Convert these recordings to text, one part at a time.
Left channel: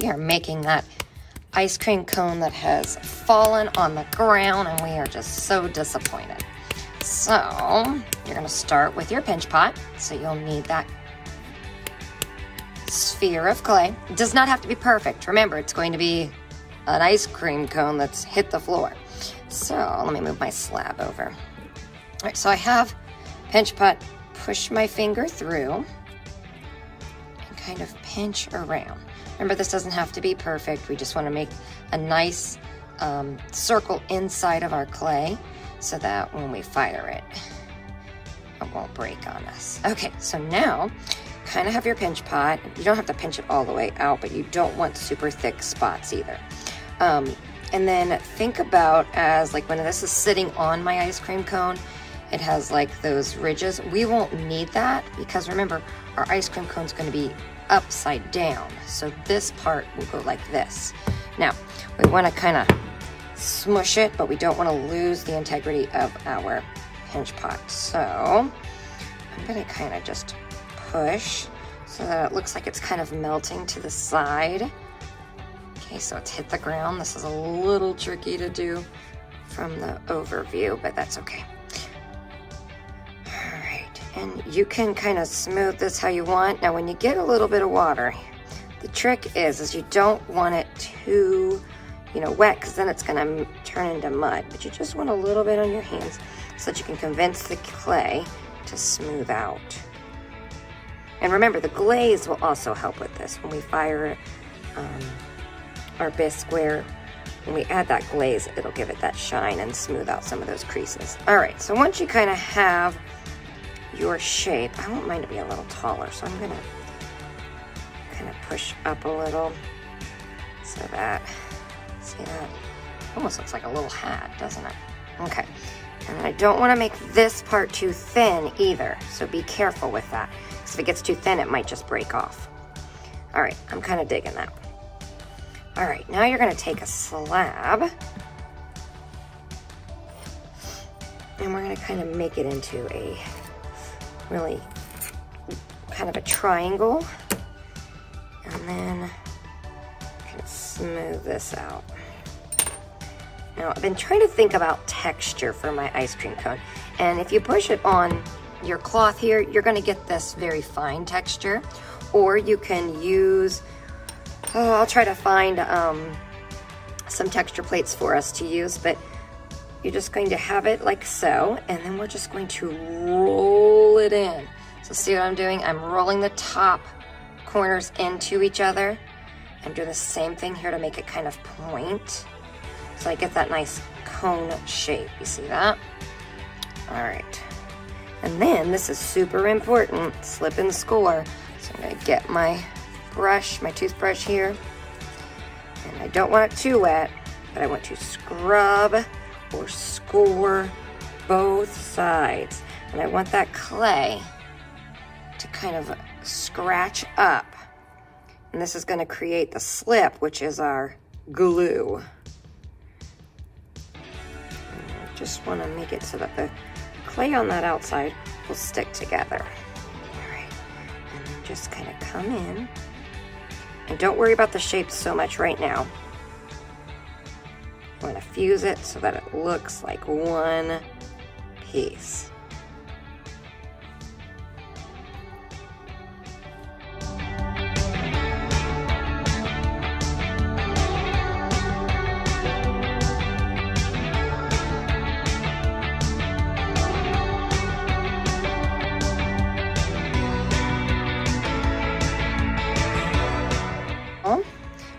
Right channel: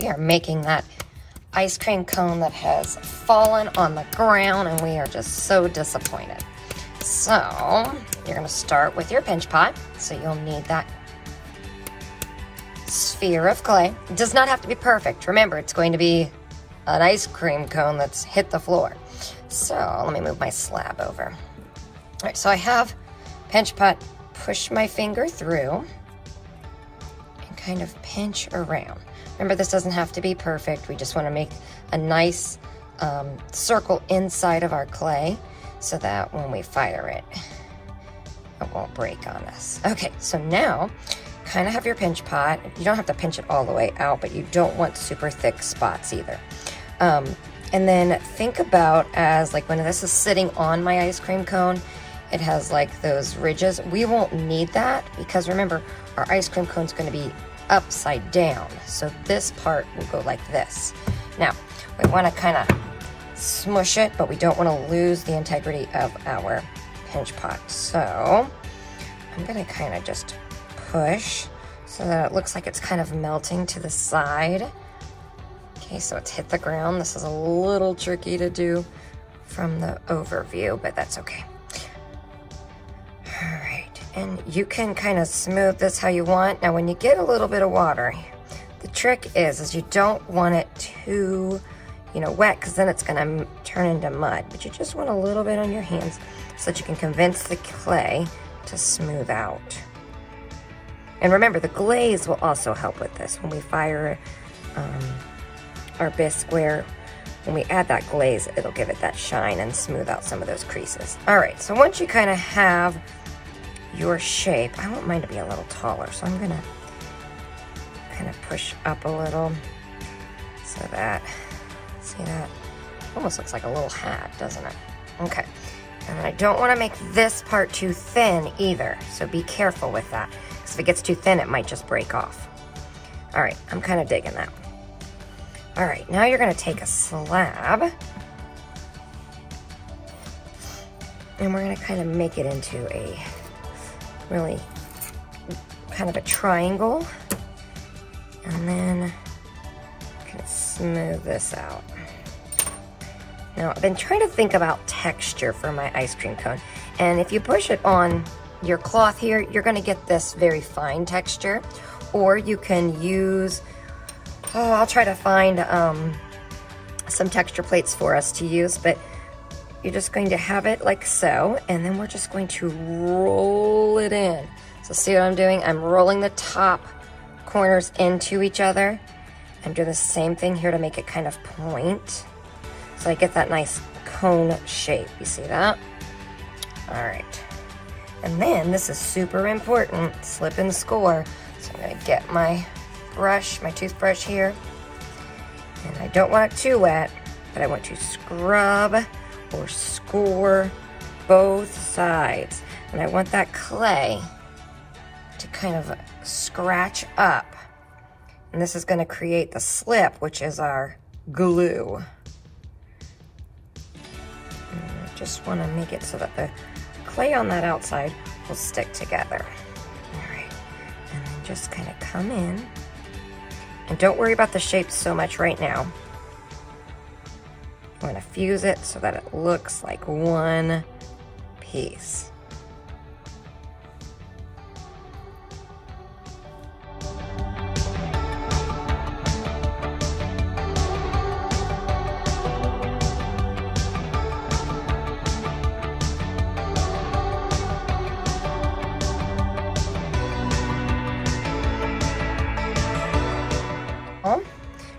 We are making that ice cream cone that has fallen on the ground, and we are just so disappointed. So you're gonna start with your pinch pot. So you'll need that sphere of clay. It does not have to be perfect. Remember, it's going to be an ice cream cone that's hit the floor. So let me move my slab over. All right, so I have pinch pot, push my finger through and kind of pinch around. Remember, this doesn't have to be perfect. We just want to make a nice circle inside of our clay so that when we fire it, it won't break on us. Okay, so now kind of have your pinch pot. You don't have to pinch it all the way out, but you don't want super thick spots either. And then think about as like when this is sitting on my ice cream cone, it has like those ridges. We won't need that because remember, our ice cream cone is going to be upside down. So this part will go like this. Now, we want to kind of smush it, but we don't want to lose the integrity of our pinch pot. So I'm going to kind of just push so that it looks like it's kind of melting to the side. Okay, so it's hit the ground. This is a little tricky to do from the overview, but that's okay. All right, and you can kind of smooth this how you want. Now, when you get a little bit of water, the trick is you don't want it too, wet, because then it's gonna turn into mud. But you just want a little bit on your hands so that you can convince the clay to smooth out. And remember, the glaze will also help with this. When we fire our bisqueware, when we add that glaze, it'll give it that shine and smooth out some of those creases. All right, so once you kind of have your shape, I want mine to be a little taller, so I'm gonna kind of push up a little so that, see that? Almost looks like a little hat, doesn't it? Okay, and I don't wanna make this part too thin either, so be careful with that. Because if it gets too thin, it might just break off. All right, I'm kind of digging that. All right, now you're gonna take a slab and we're gonna kind of make it into a really kind of a triangle, and then kind of smooth this out. Now, I've been trying to think about texture for my ice cream cone, and if you push it on your cloth here, you're gonna get this very fine texture, or you can use, I'll try to find some texture plates for us to use, but you're just going to have it like so, and then we're just going to roll it in. So see what I'm doing? I'm rolling the top corners into each other. I'm doing the same thing here to make it kind of point, so I get that nice cone shape. You see that? All right. And then, this is super important, slip and score. So I'm gonna get my brush, my toothbrush here. And I don't want it too wet, but I want to scrub or score both sides. And I want that clay to kind of scratch up. And this is gonna create the slip, which is our glue. And I just wanna make it so that the clay on that outside will stick together. All right, and then just kind of come in. And don't worry about the shape so much right now. I want to fuse it so that it looks like one piece.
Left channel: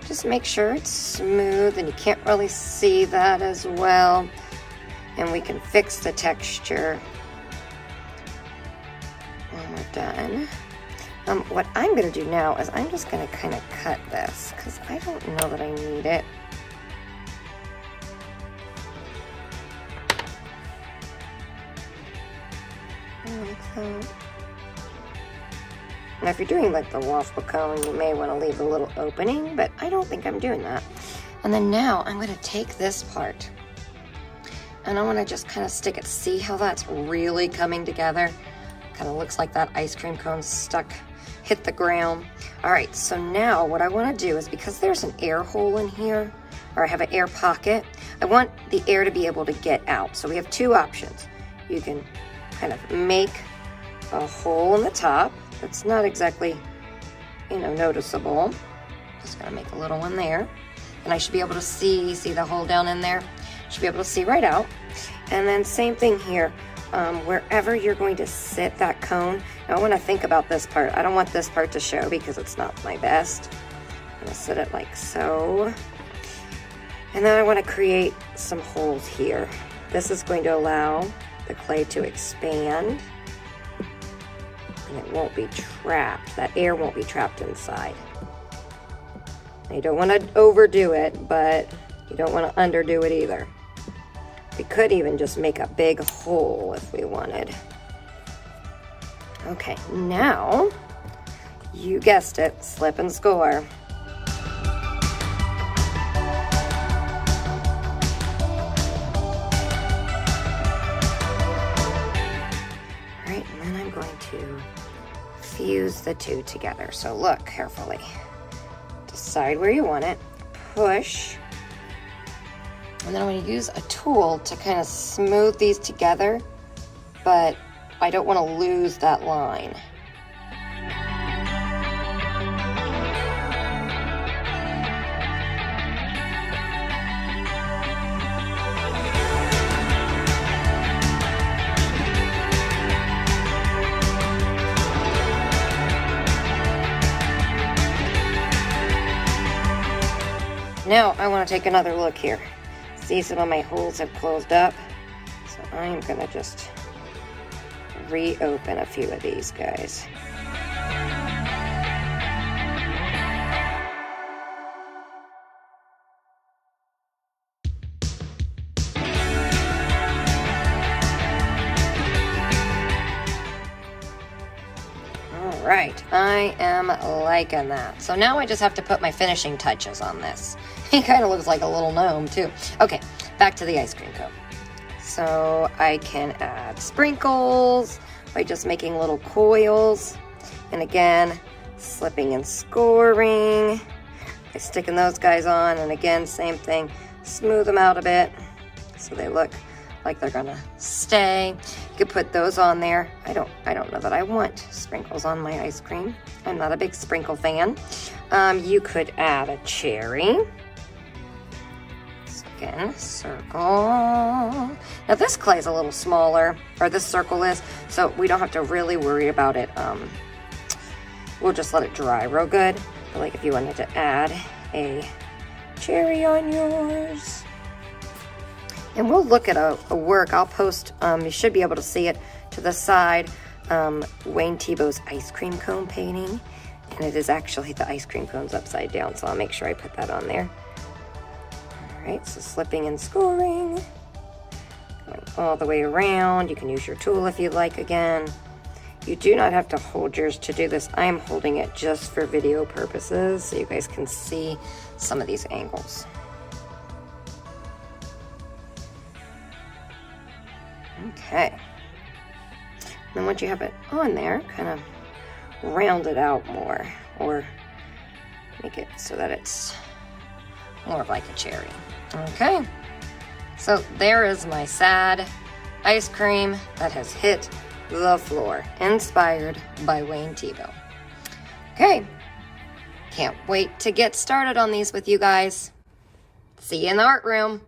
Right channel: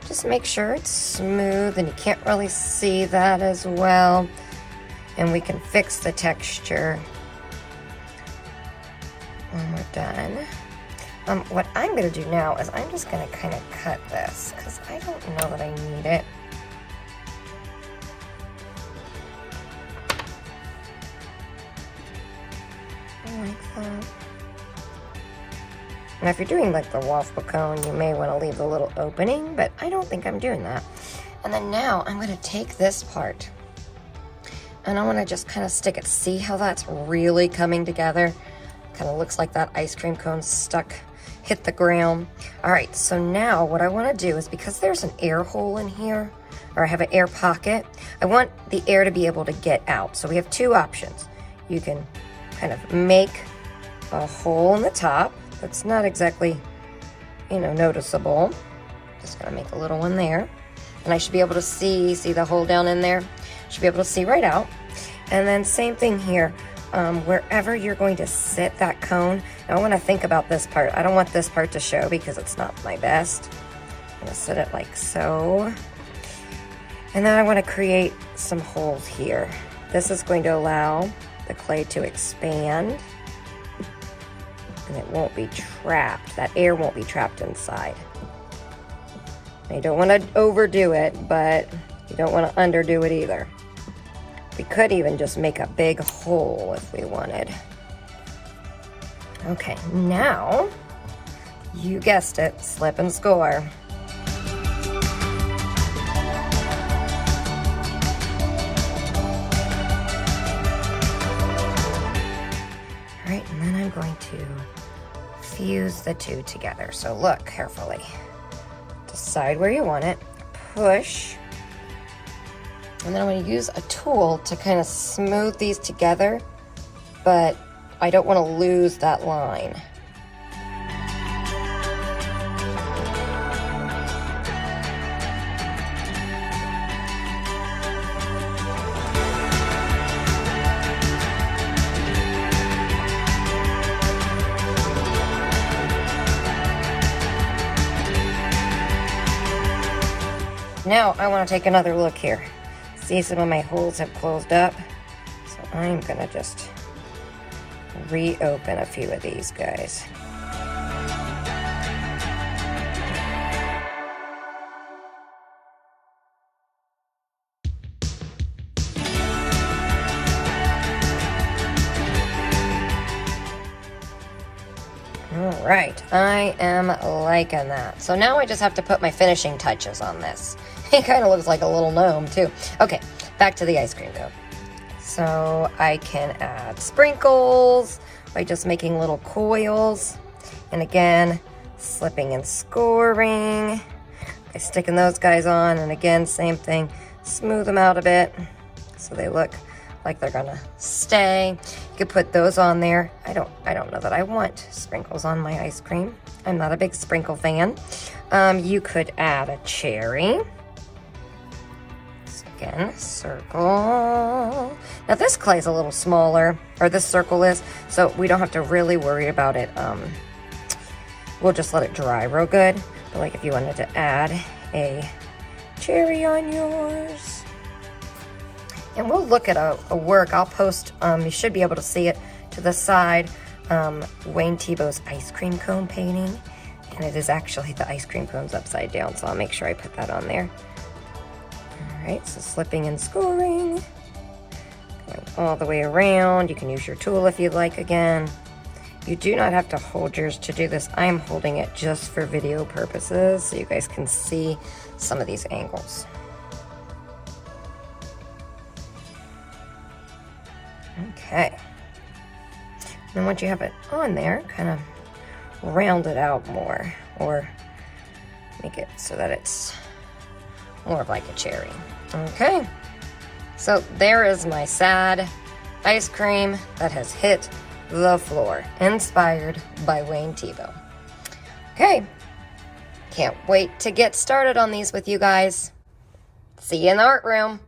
Just make sure it's smooth, and you can't really see that as well. And we can fix the texture when we're done. What I'm gonna do now is I'm just gonna kind of cut this because I don't know that I need it. Like that. Now, if you're doing like the waffle cone, you may want to leave a little opening, but I don't think I'm doing that. And then now I'm going to take this part and I want to just kind of stick it. See how that's really coming together? Kind of looks like that ice cream cone stuck hit the ground. All right, so now what I want to do is, because there's an air hole in here, or I have an air pocket, I want the air to be able to get out. So we have two options. You can kind of make a hole in the top that's not exactly, you know, noticeable. Just gonna make a little one there. And I should be able to see the hole down in there? Should be able to see right out. And then same thing here. Wherever you're going to sit that cone, now I want to think about this part. I don't want this part to show because it's not my best. I'm going to sit it like so. And then I want to create some holes here. This is going to allow the clay to expand. And it won't be trapped. That air won't be trapped inside. Now you don't want to overdo it, but you don't want to underdo it either. We could even just make a big hole if we wanted. Okay, now, you guessed it, slip and score. All right, and then I'm going to fuse the two together. So look carefully. Decide where you want it, push. And then I'm going to use a tool to kind of smooth these together, but I don't want to lose that line. Now I want to take another look here. See, some of my holes have closed up, so I'm gonna just reopen a few of these guys. All right, I am liking that. So now I just have to put my finishing touches on this. He kind of looks like a little gnome too. Okay, back to the ice cream cone. So I can add sprinkles by just making little coils. And again, slipping and scoring. By sticking those guys on, and again, same thing. Smooth them out a bit so they look like they're gonna stay. You could put those on there. I don't know that I want sprinkles on my ice cream. I'm not a big sprinkle fan. You could add a cherry. Again, circle. Now this clay is a little smaller, or this circle is, so we don't have to really worry about it. We'll just let it dry real good. But like if you wanted to add a cherry on yours. And we'll look at a work. I'll post, you should be able to see it to the side, Wayne Thiebaud's ice cream cone painting. And it is actually, the ice cream cone's upside down, so I'll make sure I put that on there. All right, so slipping and scoring, going all the way around. You can use your tool if you'd like again. You do not have to hold yours to do this. I'm holding it just for video purposes so you guys can see some of these angles. Okay. Then once you have it on there, kind of round it out more, or make it so that it's more like a cherry. Okay, so there is my sad ice cream that has hit the floor, inspired by Wayne Thiebaud. Okay, can't wait to get started on these with you guys. See you in the art room.